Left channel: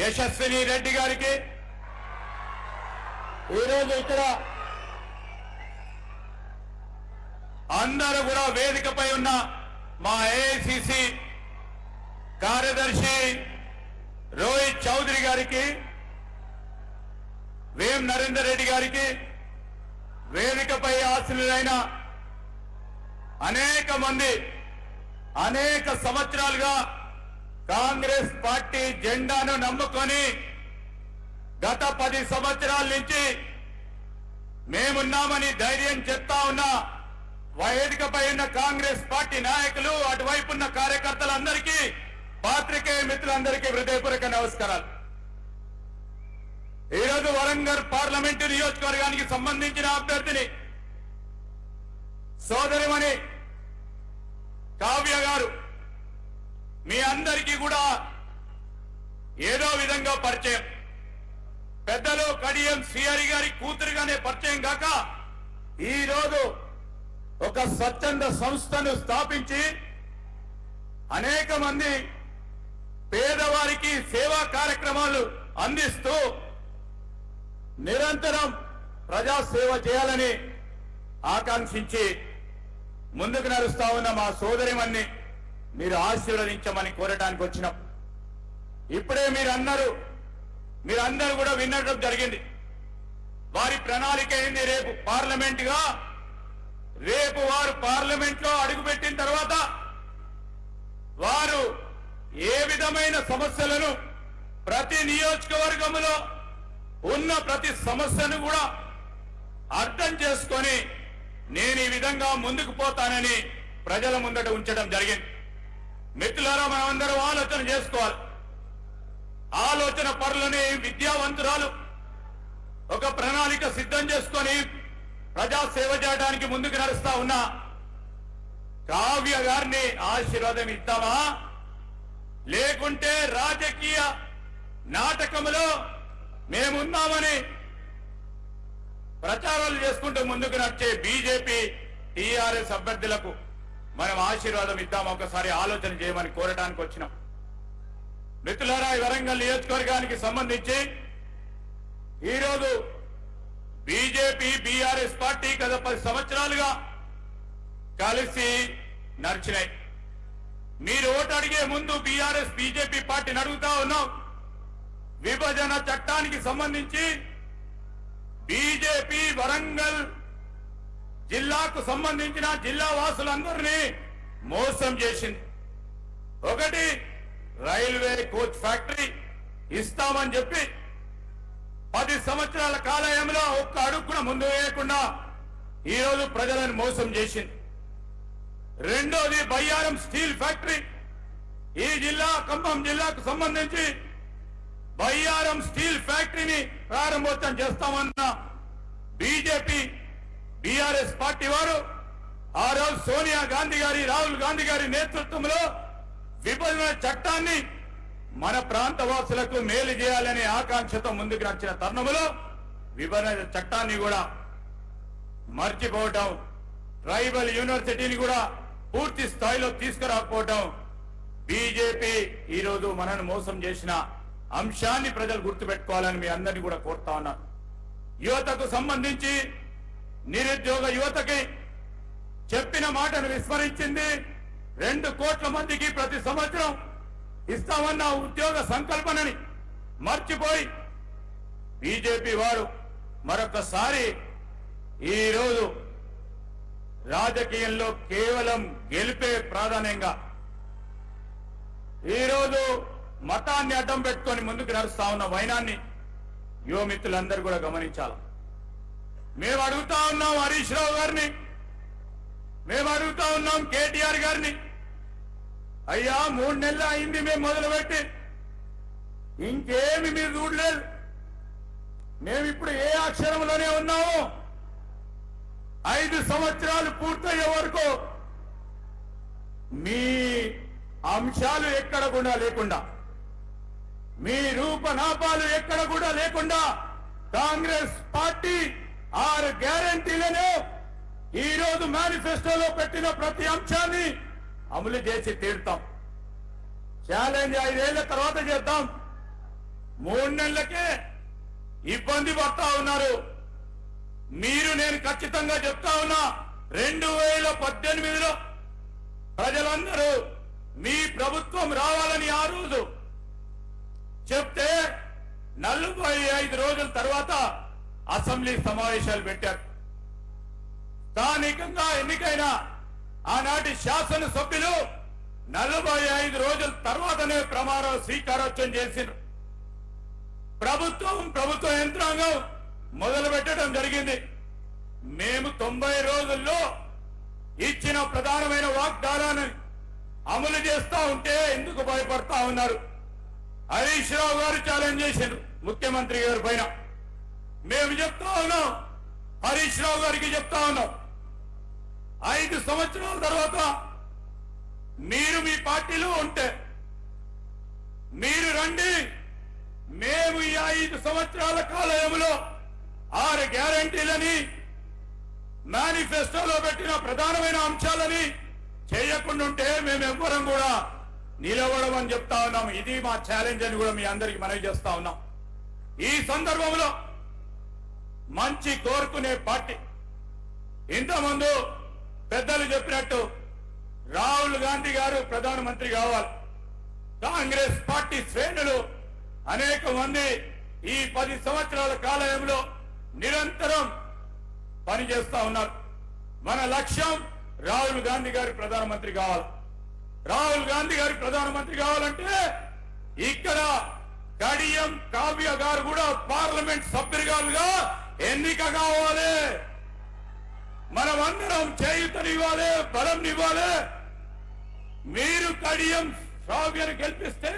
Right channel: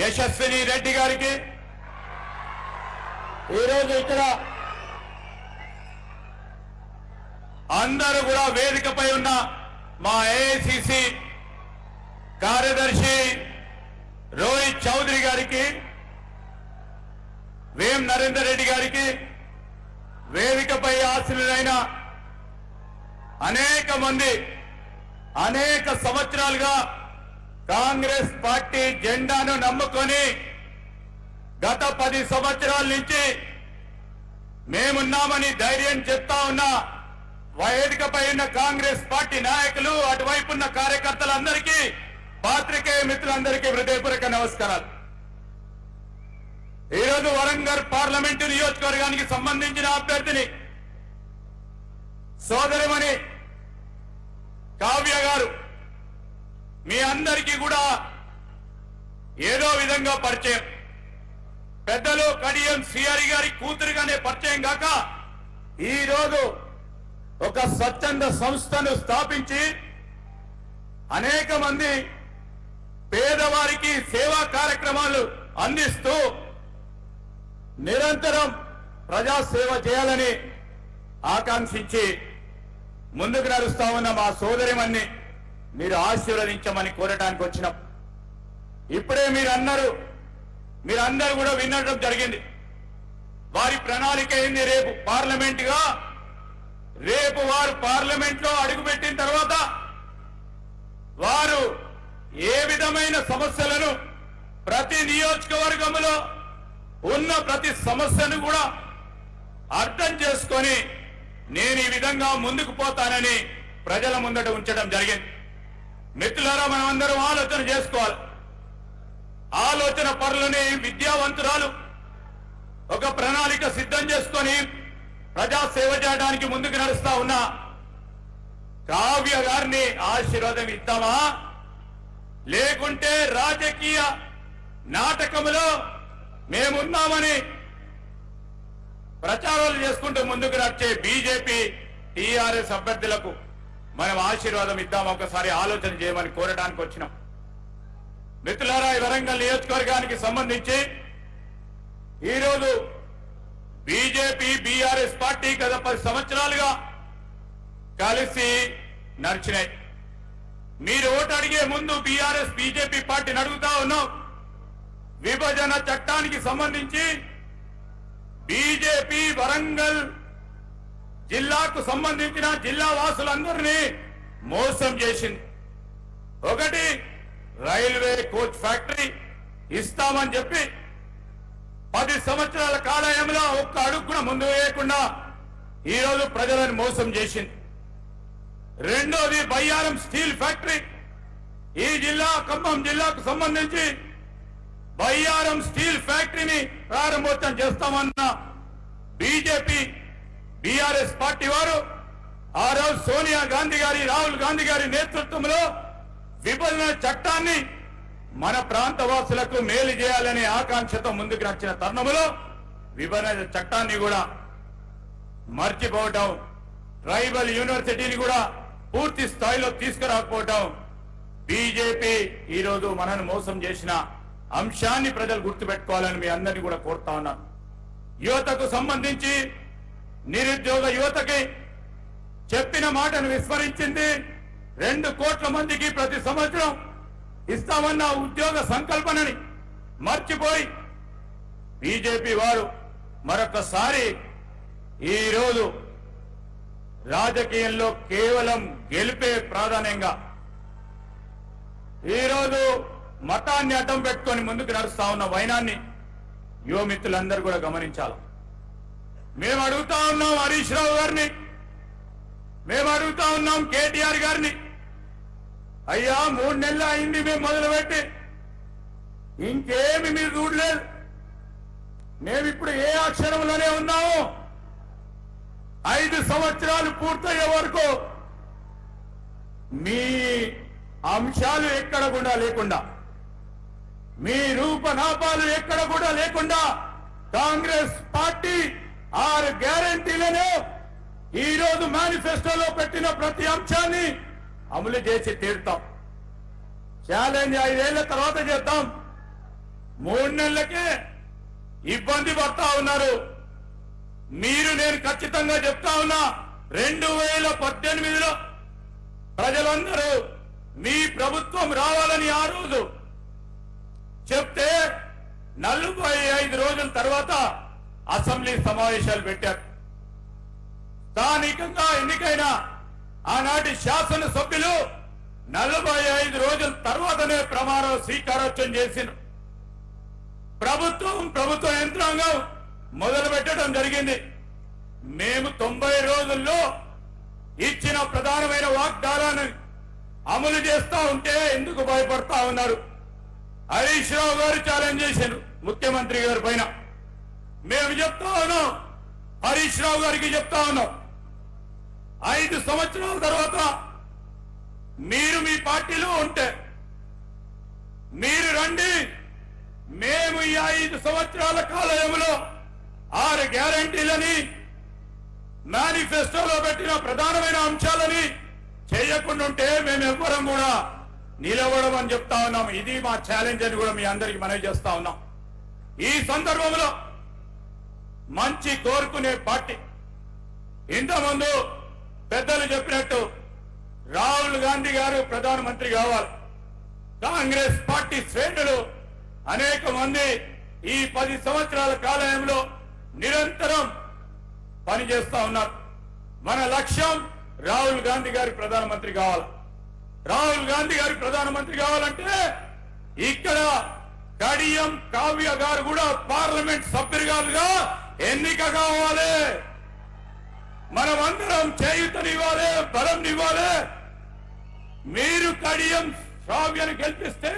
యశస్విని రెడ్డి గారికి ఈరోజు ఇక్కడ అందరూ కూడా వేదికపై ఉన్న మా ఏఐసిసి కార్యదర్శి రోహిత్ చౌదరి గారికి, వేం నరేందర్ రెడ్డి గారికి, వేదికపై ఆశీనులైన అనేక మంది అనేక సంవత్సరాలుగా కాంగ్రెస్ పార్టీ జెండాను నమ్ముకొని గత 10 సంవత్సరాల నుంచి మేమున్నామని ధైర్యం చెప్తా ఉన్న వేదికపై ఉన్న కాంగ్రెస్ పార్టీ నాయకులు, అటువైపు ఉన్న కార్యకర్తలందరికీ, పాత్రికేయ మిత్రులందరికీ హృదయపూర్వక నమస్కారాలు. ఈరోజు వరంగల్ పార్లమెంటు నియోజకవర్గానికి సంబంధించిన అభ్యర్థిని సోదరిమణి కావ్య గారు మీ అందరికీ కూడా ఏదో విధంగా పరిచయం. పెద్దలు కడియం శ్రీహరి గారి కూతురుగానే పరిచయం కాక ఈరోజు ఒక స్వచ్ఛంద సంస్థను స్థాపించి అనేక మంది పేదవారికి సేవా కార్యక్రమాలు అందిస్తూ నిరంతరం ప్రజాసేవ చేయాలని ఆకాంక్షించి ముందుకు నడుస్తా ఉన్న మా సోదరిమణ్ణి మీరు ఆశీర్వదించమని కోరటానికి వచ్చినాం. ఇప్పుడే మీరందరూ కూడా వినడం జరిగింది. వారి ప్రణాళిక ఏంది? రేపు పార్లమెంటుగా రేపు వారు పార్లమెంట్ లో అడుగుపెట్టిన తర్వాత వారు ఏ విధమైన సమస్యలను ప్రతి నియోజకవర్గంలో ఉన్న ప్రతి సమస్యను కూడా అర్థం చేసుకొని నేను ఈ విధంగా ముందుకు పోతానని ప్రజల ముందట ఉంచడం జరిగింది. మిత్రులారా, మనం అందరం ఆలోచన చేసుకోవాలి. ఆలోచన పరులని విద్యావంతురాలు ఒక ప్రణాళిక సిద్ధం చేసుకొని ప్రజా సేవ చేయడానికి ముందుకు నడుస్తా ఉన్నా కావ్య గారిని ఆశీర్వాదం ఇద్దామా, లేకుంటే రాజకీయ నాటకములో మేమున్నామని ప్రచారాలు చేసుకుంటూ ముందుకు నడిచే బీజేపీ టీఆర్ఎస్ అభ్యర్థులకు మనం ఆశీర్వాదం ఇద్దామా? ఒకసారి ఆలోచన చేయమని కోరడానికి వచ్చినాం. మిత్రులారా, ఈ వరంగల్ నియోజకవర్గానికి సంబంధించి ఈరోజు బీజేపీ బీఆర్ఎస్ పార్టీ గత 10 సంవత్సరాలుగా కలిసి నడిచినాయి. మీరు ఓటు అడిగే ముందు బీఆర్ఎస్ బీజేపీ పార్టీని అడుగుతా ఉన్నాం. విభజన చట్టానికి సంబంధించి బీజేపీ వరంగల్ జిల్లాకు సంబంధించిన జిల్లా వాసులందరినీ మోసం చేసింది. ఒకటి, రైల్వే కోచ్ ఫ్యాక్టరీ ఇస్తామని చెప్పి 10 సంవత్సరాల కాలయంలో ఒక్క అడుగు కూడా ముందు వేయకుండా ఈరోజు ప్రజలను మోసం చేసింది. రెండోది, బయ్యారం స్టీల్ ఫ్యాక్టరీ. ఈ జిల్లా ఖమ్మం జిల్లాకు సంబంధించి బయ్యారం స్టీల్ ఫ్యాక్టరీని ప్రారంభోత్సవం చేస్తామన్న బీజేపీ బీఆర్ఎస్ పార్టీ వారు ఆ రోజు సోనియా గాంధీ గారి, రాహుల్ గాంధీ గారి నేతృత్వంలో విభజన చట్టాన్ని మన ప్రాంత వాసులకు మేలు చేయాలనే ఆకాంక్షతో ముందుకు నడిచిన తరుణంలో విభజన చట్టాన్ని కూడా మర్చిపోవటం, ట్రైబల్ యూనివర్సిటీని కూడా పూర్తి స్థాయిలో తీసుకురాకపోవటం, బీజేపీ ఈరోజు మనను మోసం చేసిన అంశాన్ని ప్రజలు గుర్తుపెట్టుకోవాలని మీ అందరినీ కూడా కోరుతా ఉన్నాను. యువతకు సంబంధించి నిరుద్యోగ యువతకి చెప్పిన మాటను విస్మరించింది. 2 కోట్ల మందికి ప్రతి సంవత్సరం ఇస్తామన్న ఉద్యోగ సంకల్పనని మర్చిపోయి బీజేపీ వారు మరొకసారి ఈరోజు రాజకీయంలో కేవలం గెలిపే ప్రాధాన్యంగా ఈరోజు మతాన్ని అడ్డం పెట్టుకొని ముందుకు నడుస్తా ఉన్న వైనాన్ని యువమిత్రులందరూ కూడా గమనించాలి. మేము అడుగుతా ఉన్నాం హరీష్ రావు గారిని, మేము అడుగుతా ఉన్నాం కేటీఆర్ గారిని, అయ్యా 3 నెలలు అయింది మేము మొదలుపెట్టి, ఇంకేమి మీరు చూడలేదు. మేమిప్పుడు ఏ అక్షరంలోనే ఉన్నాము. 5 సంవత్సరాలు పూర్తయ్యే వరకు మీ అంశాలు ఎక్కడ కూడా లేకుండా, మీ రూపనాపాలు ఎక్కడ కూడా లేకుండా కాంగ్రెస్ పార్టీ 6 గ్యారంటీలను ఈ రోజు మేనిఫెస్టోలో పెట్టిన ప్రతి అంశాన్ని అమలు చేసి తీరుతాం. ఛాలెంజ్ 5 ఏళ్ల తర్వాత చేద్దాం. 3 నెలలకే ఇబ్బంది పడతా ఉన్నారు. మీరు నేను ఖచ్చితంగా చెప్తా ఉన్నా 2018లో ప్రజలందరూ మీ ప్రభుత్వం రావాలని ఆ రోజు చెప్తే 45 రోజుల తర్వాత అసెంబ్లీ సమావేశాలు పెట్టారు. స్థానికంగా ఎన్నికైన ఆనాటి శాసనసభ్యులు 45 రోజుల తర్వాతనే ప్రమాణ స్వీకారోత్సవం చేసిన ప్రభుత్వ యంత్రాంగం మొదలు పెట్టడం జరిగింది. మేము 90 రోజుల్లో ఇచ్చిన ప్రధానమైన వాగ్దానాన్ని అమలు చేస్తా ఉంటే ఎందుకు భయపడతా ఉన్నారు? హరీష్ రావు గారు ఛాలెంజ్ చేశారు ముఖ్యమంత్రి గారి పైన. మేము చెప్తా ఉన్నాం, హరీష్ రావు గారికి చెప్తా ఉన్నాం, 5 సంవత్సరాల తర్వాత మీరు మీ పార్టీలో ఉంటే మీరు రండి, మేము ఈ 5 సంవత్సరాల కాలంలో 6 గ్యారంటీలని మేనిఫెస్టోలో పెట్టిన ప్రధానమైన అంశాలని చేయకుండా ఉంటే మేము ఎవ్వరం కూడా నిలబడమని చెప్తా ఉన్నాం. ఇది మా ఛాలెంజ్ అని కూడా మీ అందరికి మనవి చేస్తా ఉన్నాం. ఈ సందర్భంలో మంచి కోరుకునే పార్టీ, ఇంతకుముందు పెద్దలు చెప్పినట్టు రాహుల్ గాంధీ గారు ప్రధానమంత్రి కావాలి. కాంగ్రెస్ పార్టీ శ్రేణులు అనేక మంది ఈ 10 సంవత్సరాల కాలంలో నిరంతరం పనిచేస్తా ఉన్నారు. మన లక్ష్యం రాహుల్ గాంధీ గారి ప్రధానమంత్రి కావాలి. రాహుల్ గాంధీ గారి ప్రధానమంత్రి కావాలంటే ఇక్కడ కడియం కావ్య గారు కూడా పార్లమెంట్ సభ్యులుగా ఎన్నిక కావాలి. మనమందరం చేయూతనివ్వాలి, బలం ఇవ్వాలి. మీరు కడియం కావ్యను గెలిపిస్తే